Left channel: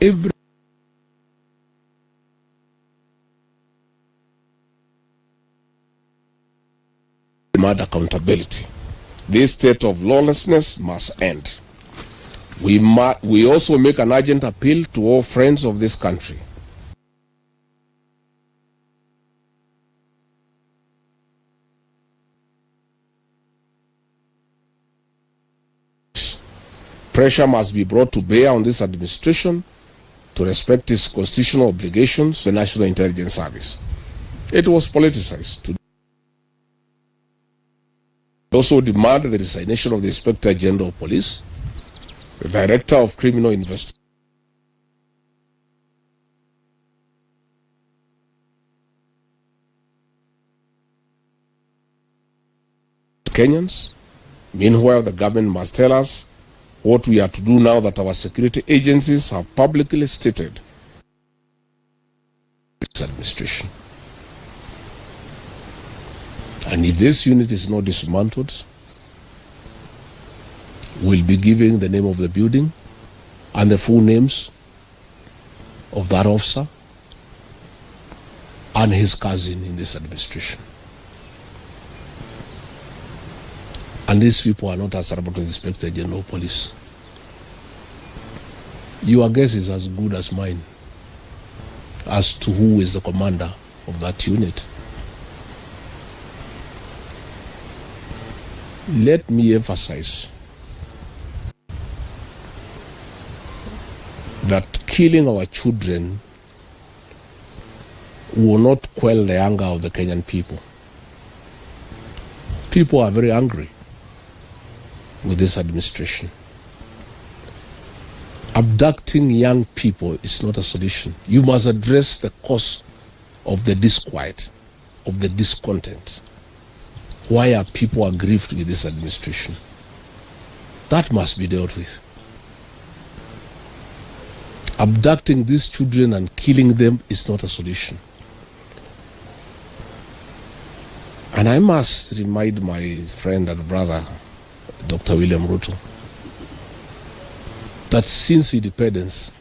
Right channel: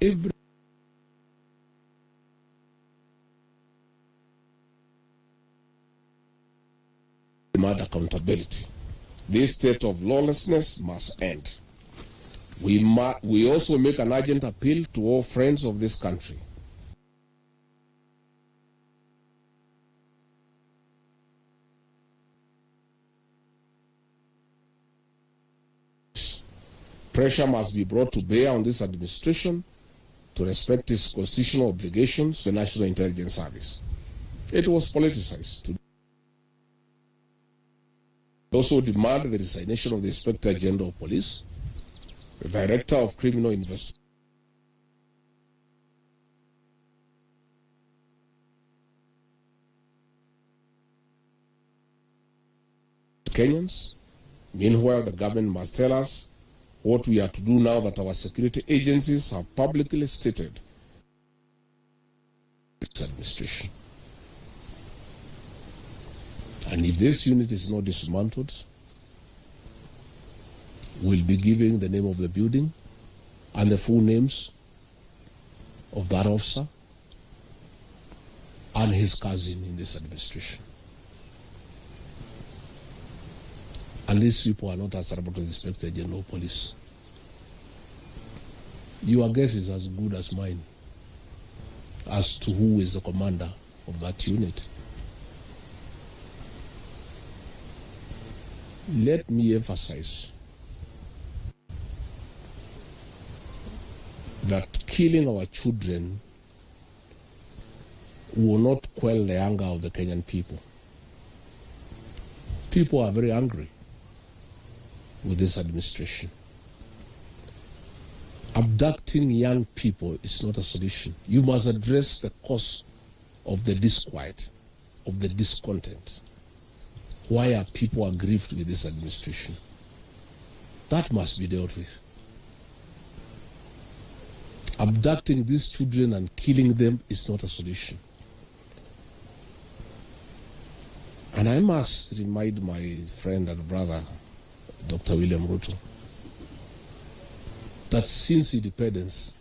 every demand accountability. This state of lawlessness must end. We also make an urgent appeal to all friends of this country. Pressure must be brought to bear on this administration to respect its constitutional obligations to the National Intelligence Service. It was politicized. We also demand the resignation of the Inspector General of Police, the Director of Criminal Investigation, Kenyans. Meanwhile, the government must tell us what we are to do now that our security agencies have publicly stated this administration. And if this unit is not dismantled, we'll be giving the name of the building and the full names of that officer and his cousin in this administration. And these people are not answerable to the Inspector General of Police. Your guess is as good as mine as to who is the commander of that unit. Let me emphasize that killing our children will not quell the anger of the Kenyan people. People are very angry with this administration. Abducting young people is not a solution. You must address the cause of the disquiet, of the discontent. Why are people aggrieved with this administration? That must be dealt with. Abducting these children and killing them is not a solution. And I must remind my friend and brother, Dr. William Ruto, that since independence,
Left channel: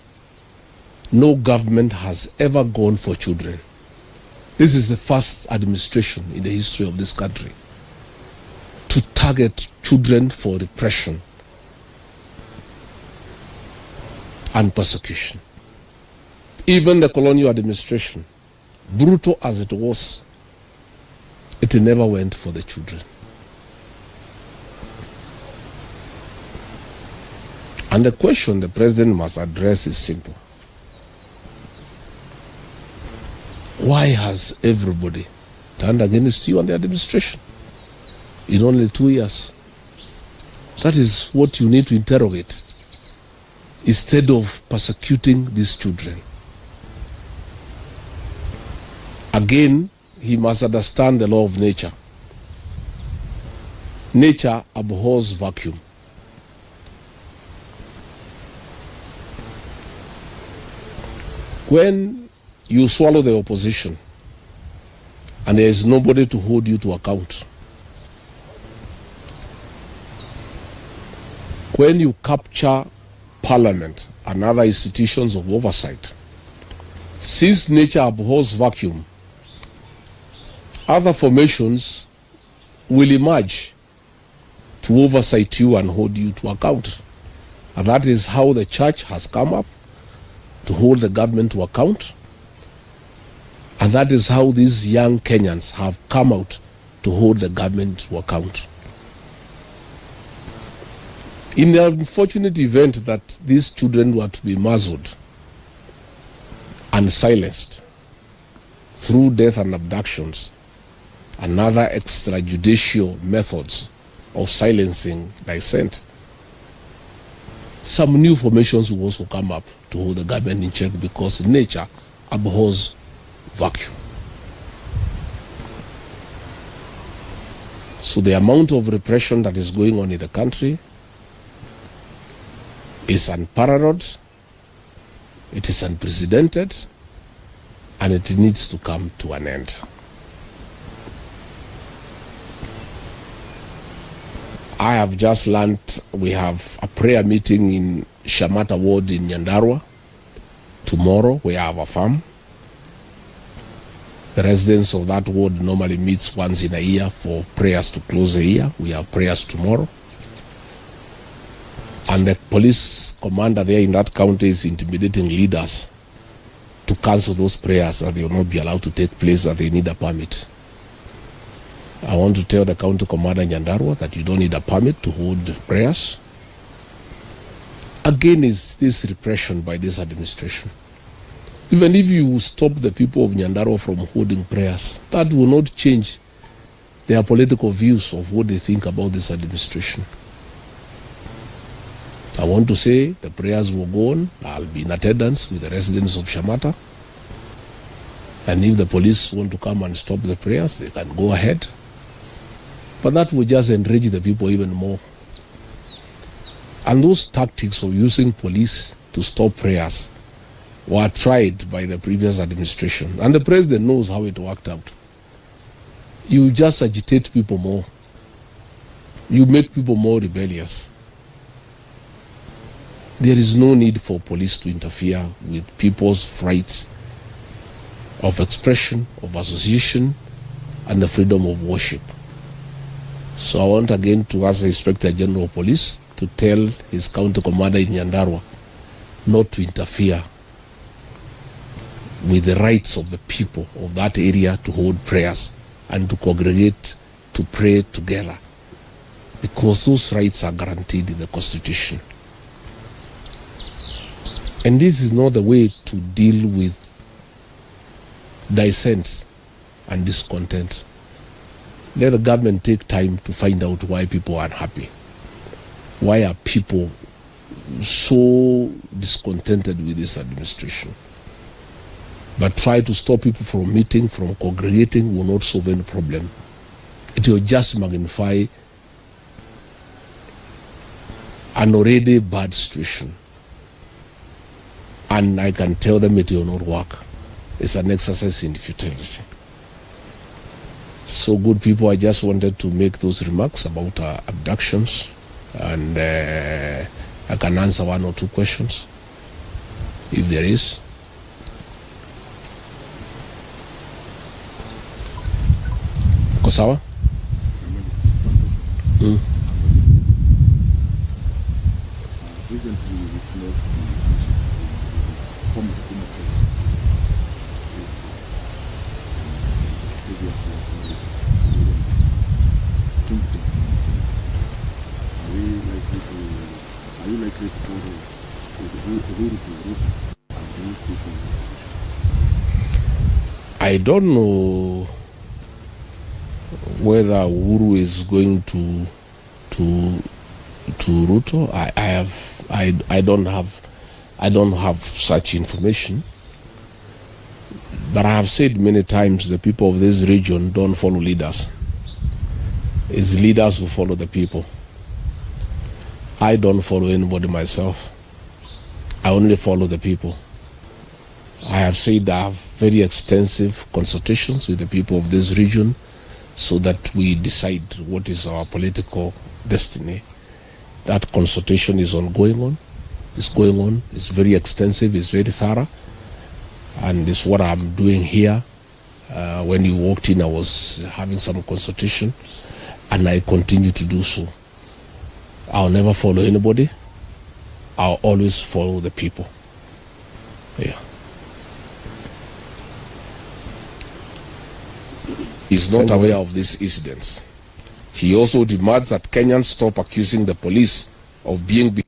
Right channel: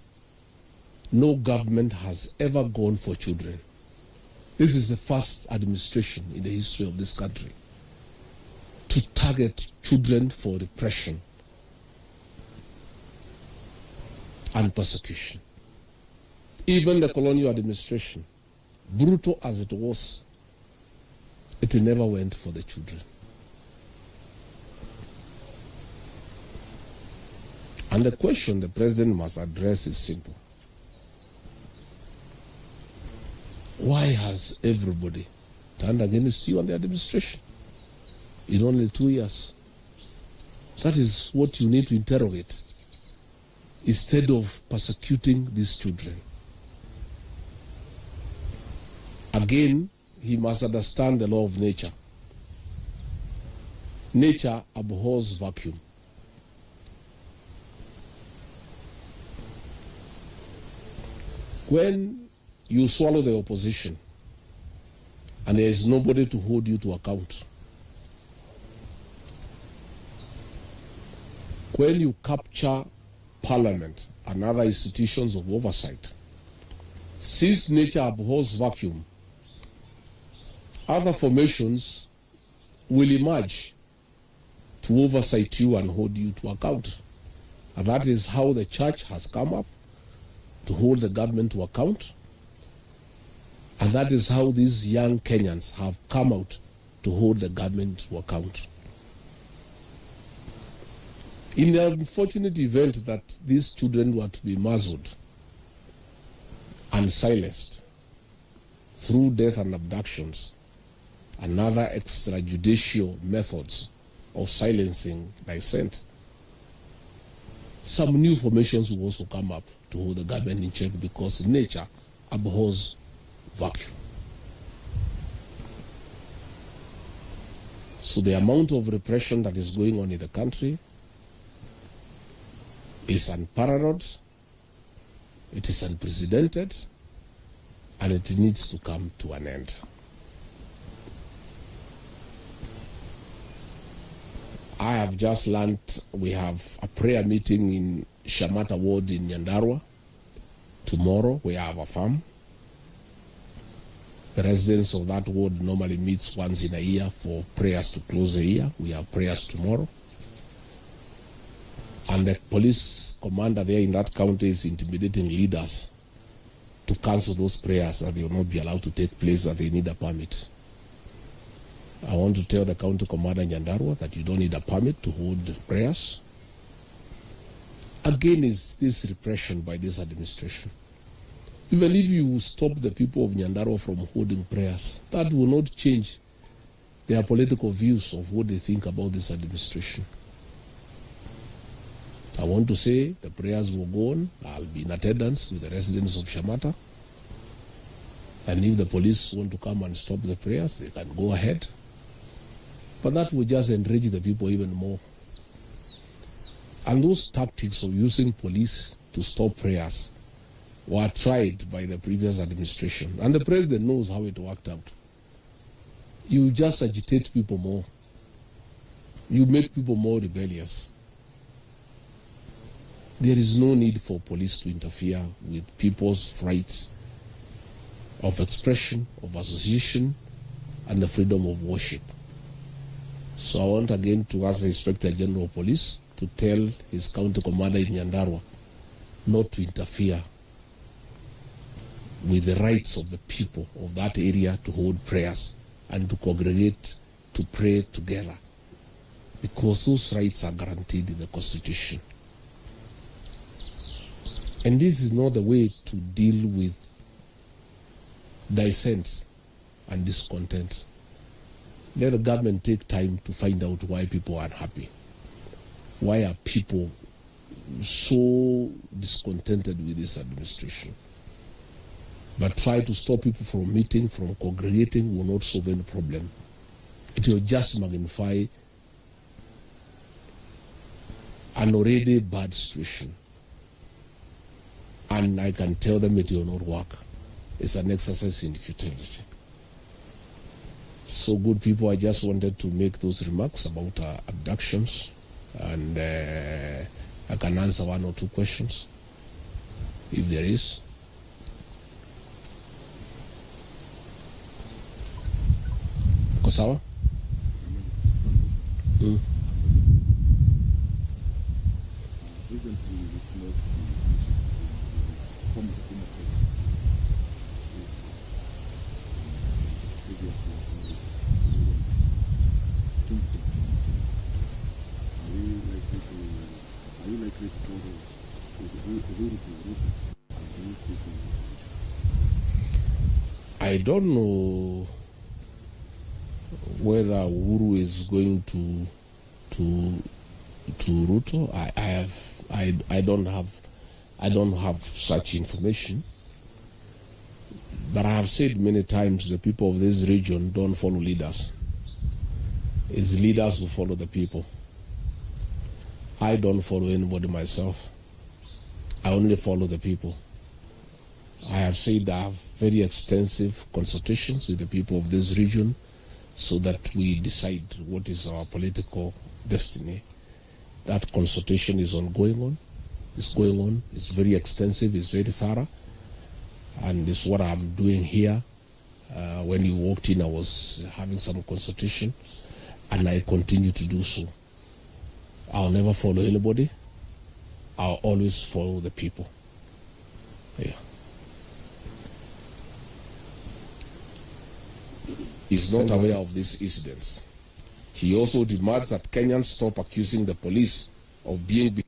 no government has ever gone for children. This is the first administration in the history of this country to target children for repression and persecution. Even the colonial administration, brutal as it was, it never went for the children. And the question the president must address is simple. Why has everybody turned against you and the administration in only 2 years? That is what you need to interrogate instead of persecuting these children. Again, he must understand the law of nature. Nature abhors vacuum. When you swallow the opposition and there is nobody to hold you to account, when you capture parliament and other institutions of oversight, since nature abhors vacuum, other formations will emerge to oversight you and hold you to account. And that is how the church has come up to hold the government to account. And that is how these young Kenyans have come out to hold the government to account. In the unfortunate event that these children were to be muzzled and silenced through death and abductions and other extrajudicial methods of silencing dissent, some new formations will also come up to hold the government in check because nature abhors vacuum. So the amount of repression that is going on in the country is unparalleled, it is unprecedented, and it needs to come to an end. I have just learned we have a prayer meeting in Shamata Ward in Nyandarua Tomorrow we have a farm. The residents of that ward normally meets once in a year for prayers to close the year. We have prayers tomorrow. And the police commander there in that county is intimidating leaders to cancel those prayers, that they will not be allowed to take place, that they need a permit. I want to tell the county commander in Nyandarua that you don't need a permit to hold prayers. Again, is this repression by this administration. Even if you stop the people of Nyandarua from holding prayers, that will not change their political views of what they think about this administration. I want to say the prayers will go on. I'll be in attendance with the residents of Shamata. And if the police want to come and stop the prayers, they can go ahead. But that will just enrage the people even more. And those tactics of using police to stop prayers were tried by the previous administration. And the president knows how it worked out. You just agitate people more. You make people more rebellious. There is no need for police to interfere with people's rights of expression, of association, and the freedom of worship. So I want again to ask the Inspector General of Police to tell his county commander in Nyandarua not to interfere with the rights of the people of that area to hold prayers and to congregate to pray together, because those rights are guaranteed in the Constitution. And this is not the way to deal with dissent and discontent. Let the government take time to find out why people are unhappy. Why are people so discontented with this administration? But try to stop people from meeting, from congregating will not solve any problem. It will just magnify an already bad situation. And I can tell them it will not work. It's an exercise in futility. So good people, I just wanted to make those remarks about abductions, and I can answer one or two questions if there is. Kosawa? Recently, we witnessed the former Are you likely to follow the route against it? I don't know whether Uhuru is going to Ruto. I don't have such information. But I have said many times the people of this region don't follow leaders. It's leaders who follow the people. I don't follow anybody myself. I only follow the people. I have said I have very extensive consultations with the people of this region so that we decide what is our political destiny. That consultation is ongoing. It's going on. It's very extensive. It's very thorough. And it's what I'm doing here. When you walked in, I was having some consultation, and I continue to do so. I'll never follow anybody. I'll always follow the people. Yeah. He's not aware of these incidents. He also demands that Kenyans stop accusing the police of being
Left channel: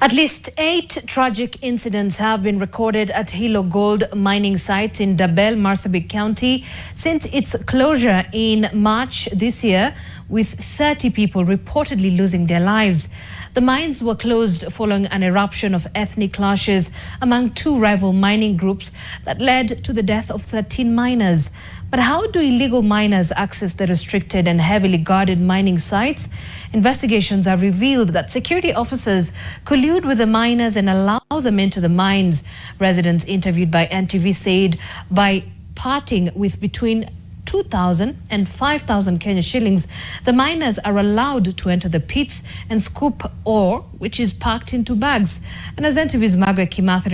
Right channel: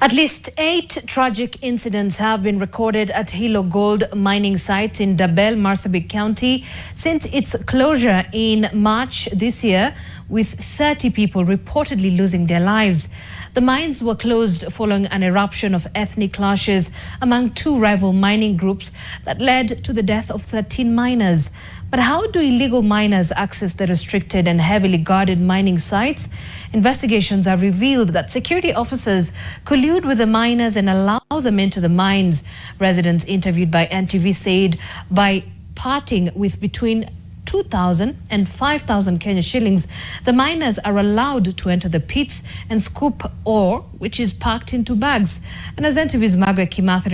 At least 8 tragic incidents have been recorded at Hilo Gold mining site in Dabel, Marsabit County since its closure in March this year, with 30 people reportedly losing their lives. The mines were closed following an eruption of ethnic clashes among 2 rival mining groups that led to the death of 13 miners. But how do illegal miners access the restricted and heavily guarded mining sites? Investigations have revealed that security officers collude with the miners and allow them into the mines. Residents interviewed by NTV said by parting with between 2,000 and 5,000 Kenya shillings. The miners are allowed to enter the pits and scoop ore, which is packed into bags. And as NTV's Margaret Kimathi